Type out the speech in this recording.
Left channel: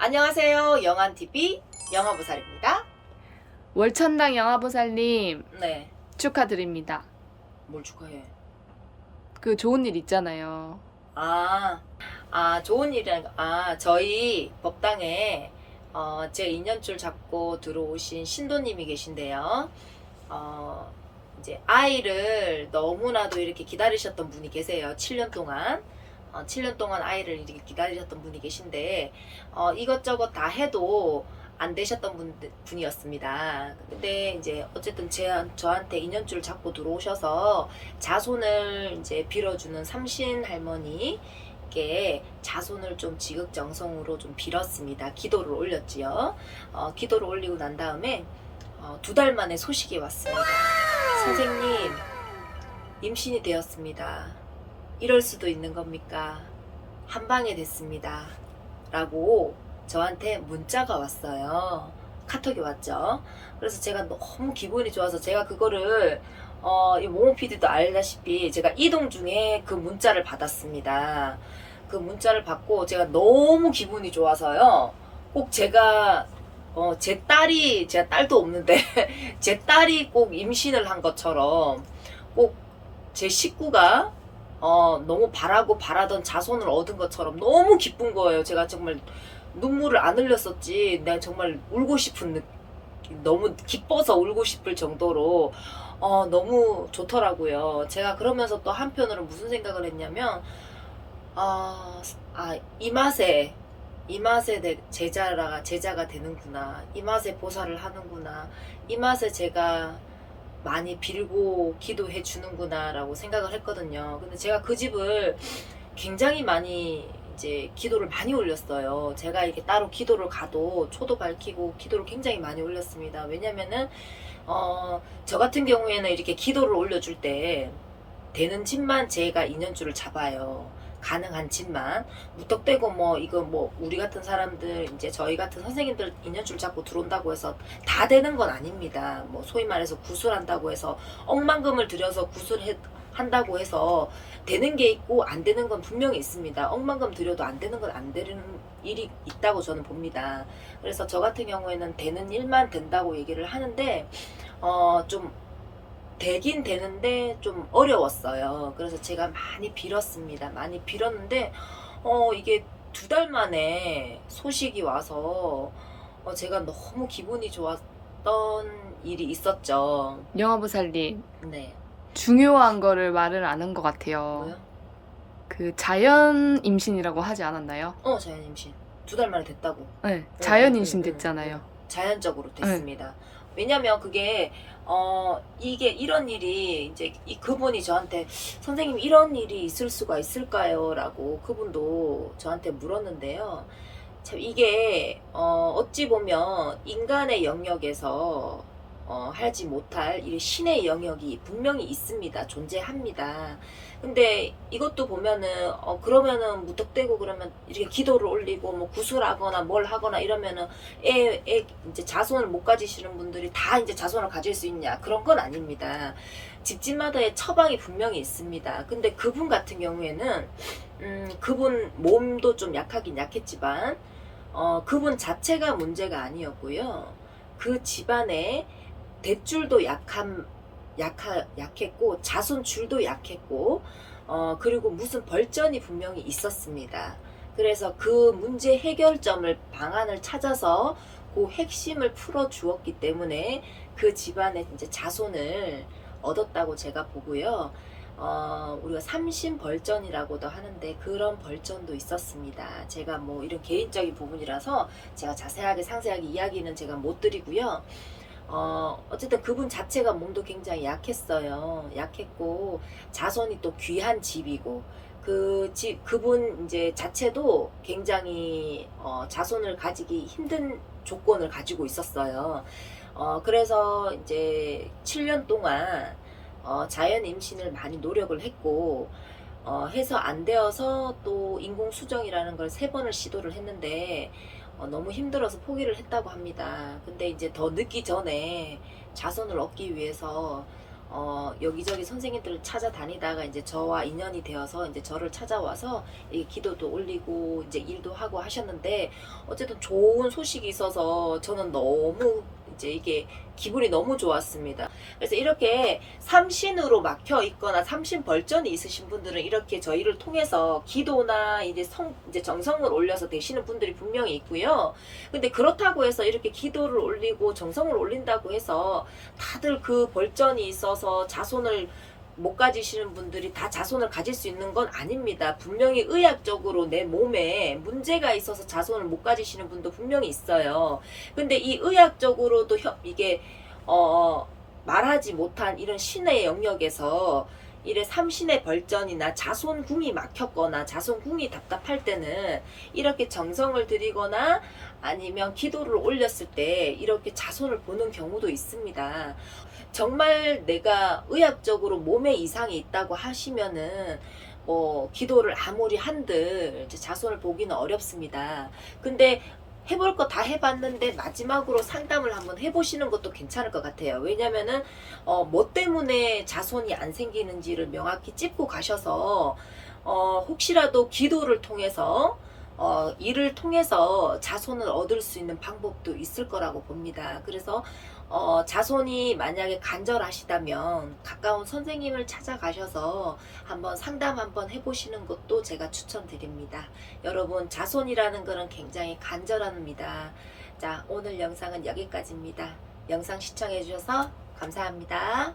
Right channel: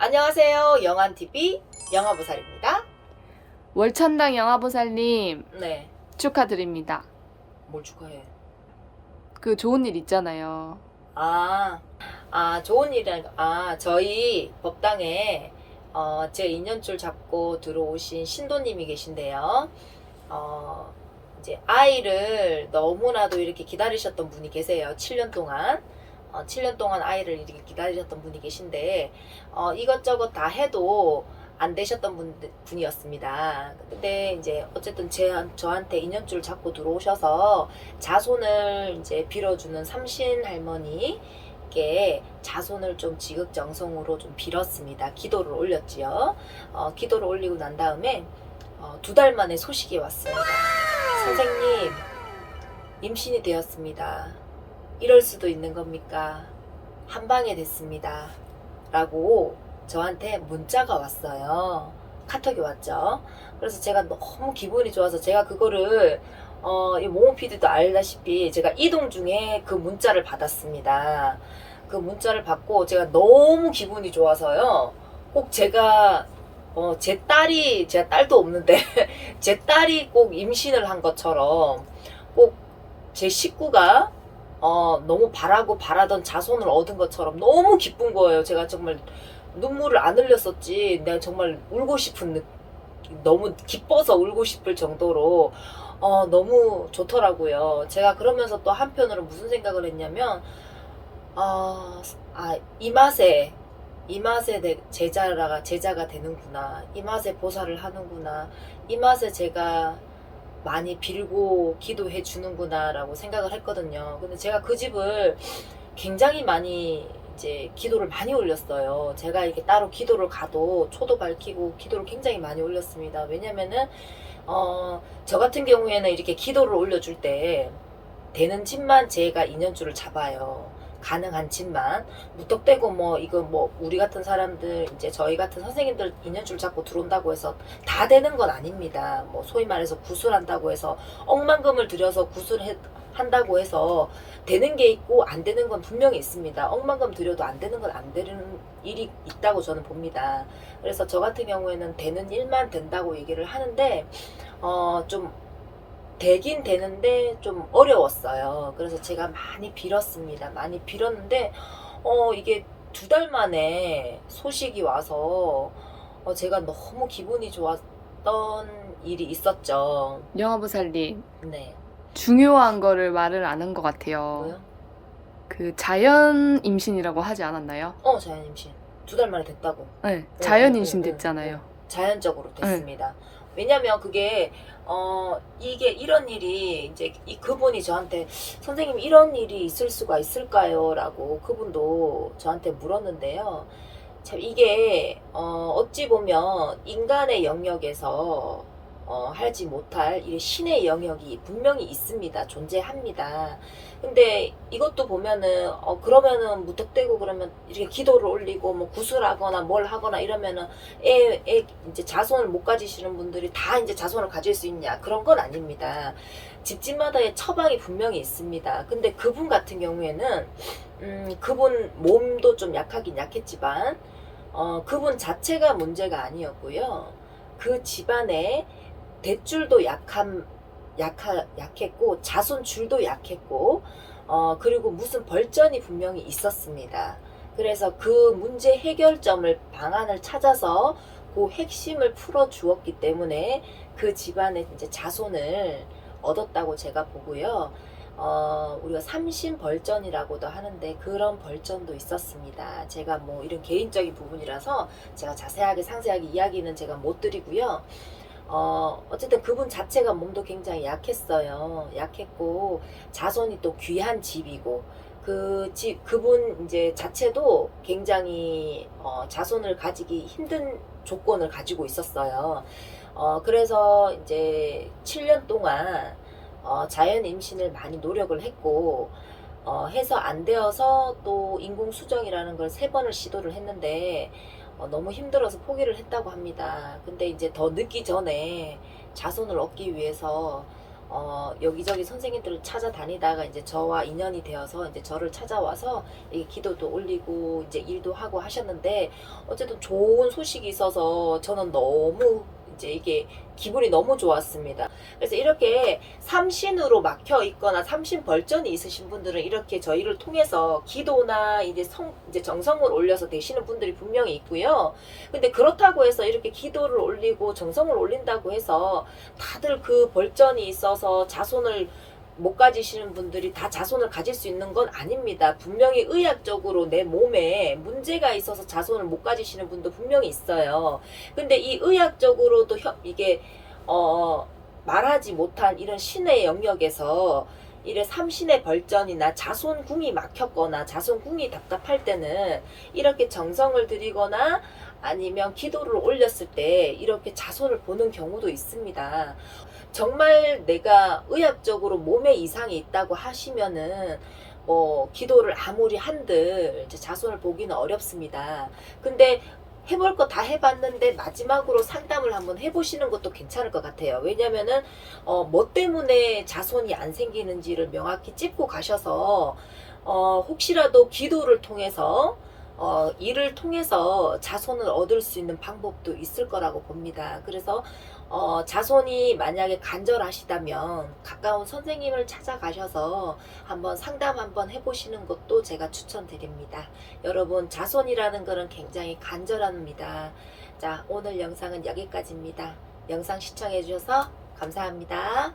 안녕하세요. 영안TV 영화보살입니다. 월천당 영화보살님 네. 축하드립니다. 뭘 축하해? 그 좋은 일 있잖아요. 좋은 일이라는 거. 저희 법당에 제 인연줄 잡고 들어오신 신도님이 계신데요. 이제 아이를 너무나도 이렇게 기다리셨던 분이 계세요. 7년 동안. 7년 동안 아이를 이렇게 기다리셨던 분이 계신데, 이것저것 다 해도 안 되셨던 분이었습니다. 근데 이제 어쨌든 저한테 인연줄 잡고 들어오셔서 자손을 이제 빌어주는 삼신 할머니께 자손을 좀 지극정성으로 좀 빌었습니다. 기도를 올렸지요. 기도를 올리고 난 다음에 2달 만에 소식이 왔습니다. 선생님, 임신이 되었습니다. 이럴 수도 있는 겁니까? 한방에 됐습니다. 라고 저한테 문자가 왔어요. 카톡이 왔죠. 그래서 제가 너무 기분이 좋아서 제가 그거를 이 모모 PD도 알다시피 제가 이동 중에 그 문자를 받았습니다. 그 문자를 받고 제가 너무 기분이 좋아서요. 꼭 제가 제 딸도 없는데 제 딸이 꼭 임신을 한 것처럼 꼭 제 식구가 너무 바라던 자손을 얻은 것처럼 너무 기쁜 거예요. 제가 정말 눈물을 안 흘렸었지. 내가 정말 울고 싶은 느낌, 너무 기뻐서 울고 싶을 정도로 너무 좋더라고요. 제가 그러면서 또 한편으로 무슨 생각을 했냐면 이 맛에 제자가 되는구나. 이 맛에 보살을 하는구나. 이 맛에 제가 많이 빌고 기도해 주는구나 라고 생각을 했거든요. 근데 제가 그 집을 굉장히 많이 이제 기도를 많이 올렸어요. 제가 이렇게 따로 기도를 가도 초도 밝히고 기도를 굉장히 많이 올렸습니다. 왜냐면은 저 같은 경우에는 이렇게 기도를 올려줄 때 되는 집만 제가 인연줄을 잡아요. 가능한 집만. 무턱대고 우리 같은 사람들, 이제 저희 같은 선생님들 인연줄 잡고 들어온다고 해서 다 되는 건 아닙니다. 소위 말해서 구술한다고 해서 억만금을 들여서 구술한다고 해서 되는 게 있고 안 되는 건 분명히 있습니다. 억만금 들여도 안 되는 건 안 되는 일이 있다고 저는 봅니다. 그래서 저 같은 경우에는 되는 일만 된다고 얘기를 하는데 좀 되긴 되는데 좀 어려웠어요. 그래서 제가 많이 빌었습니다. 많이 빌었는데 이게 2달 만에 소식이 와서 제가 너무 기분이 좋았던 일이 있었죠. 영화보살님 네. 중요한 거를 말을 안 한 것 같아요. 뭐요? 그 자연 임신이라고 하지 않았나요? 자연 임신. 2달 만에 됐다고. 네, 자연 네, 임신 네, 됐잖아요. 네. 자연적으로 됐습니다. 왜냐면 그게 이게 이런 일이 이제 그분이 저한테 선생님 이런 일이 있을 수가 있을까요? 라고 그분도 저한테 물었는데요. 참 이게 어찌 보면 인간의 영역에서 하지 못할 이 신의 영역이 분명히 있습니다. 존재합니다. 근데 이것도 보면은 그러면은 무턱대고 그러면 이렇게 기도를 올리고 구슬하거나 뭘 하거나 이러면은 이제 자손을 못 가지시는 분들이 다 이제 자손을 가질 수 있냐, 그런 건 아닙니다. 집집마다의 처방이 분명히 있습니다. 근데 그분 같은 경우에는 그분 몸도 좀 약하긴 약했지만 그분 자체가 문제가 아니었고요. 그 집안에 대줄도 약했고 자손줄도 약했고 그리고 무슨 벌전이 분명히 있었습니다. 그래서 그 문제 해결점을 방안을 찾아서 그 핵심을 풀어 주었기 때문에 그 집안에 이제 자손을 얻었다고 제가 보고요. 우리가 삼신벌전이라고도 하는데 그런 벌전도 있었습니다. 제가 이런 개인적인 부분이라서 제가 자세하게 상세하게 이야기는 제가 못 드리고요. 어쨌든 그분 자체가 몸도 굉장히 약했어요. 약했고 자손이 또 귀한 집이고 그분 이제 자체도 굉장히 자손을 가지기 힘든 조건을 가지고 있었어요. 그래서 이제 7년 동안 자연 임신을 많이 노력을 했고 해서 안 되어서 또 인공 수정이라는 걸 3번을 시도를 했는데 너무 힘들어서 포기를 했다고 합니다. 근데 이제 더 늦기 전에 자손을 얻기 위해서 여기저기 선생님들을 찾아다니다가 이제 저와 인연이 되어서 이제 저를 찾아와서 이 기도도 올리고 이제 일도 하고 하셨는데, 어쨌든 좋은 소식이 있어서 저는 너무 이제 이게 기분이 너무 좋았습니다. 그래서 이렇게 삼신으로 막혀 있거나 삼신 벌전이 있으신 분들은 이렇게 저희를 통해서 기도나 이제 정성을 올려서 되시는 분들이 분명히 있고요. 근데 그렇다고 해서 이렇게 기도를 올리고 정성을 올린다고 해서 다들 그 벌전이 있어서 자손을 못 가지시는 분들이 다 자손을 가질 수 있는 건 아닙니다. 분명히 의학적으로 내 몸에 문제가 있어서 자손을 못 가지시는 분도 분명히 있어요. 근데 이 의학적으로도 이게 말하지 못한 이런 신의 영역에서 이래 삼신의 벌전이나 자손궁이 막혔거나 자손궁이 답답할 때는 이렇게 정성을 들이거나 아니면 기도를 올렸을 때 이렇게 자손을 보는 경우도 있습니다. 정말 내가 의학적으로 몸에 이상이 있다고 하시면은 기도를 아무리 한들 이제 자손을 보기는 어렵습니다. 근데 해볼 거 다 해봤는데 마지막으로 상담을 한번 해보시는 것도 괜찮을 것 같아요. 왜냐면은 뭐 때문에 자손이 안 생기는지를 명확히 짚고 가셔서 혹시라도 기도를 통해서 이를 통해서 자손을 얻을 수 있는 방법도 있을 거라고 봅니다. 그래서 자손이 만약에 간절하시다면 가까운 선생님을 찾아가셔서 한번 상담 한번 해보시는 것도 제가 추천드립니다. 여러분, 자손이라는 것은 굉장히 간절합니다. 자, 오늘 영상은 여기까지입니다. 영상 시청해 주셔서 감사합니다.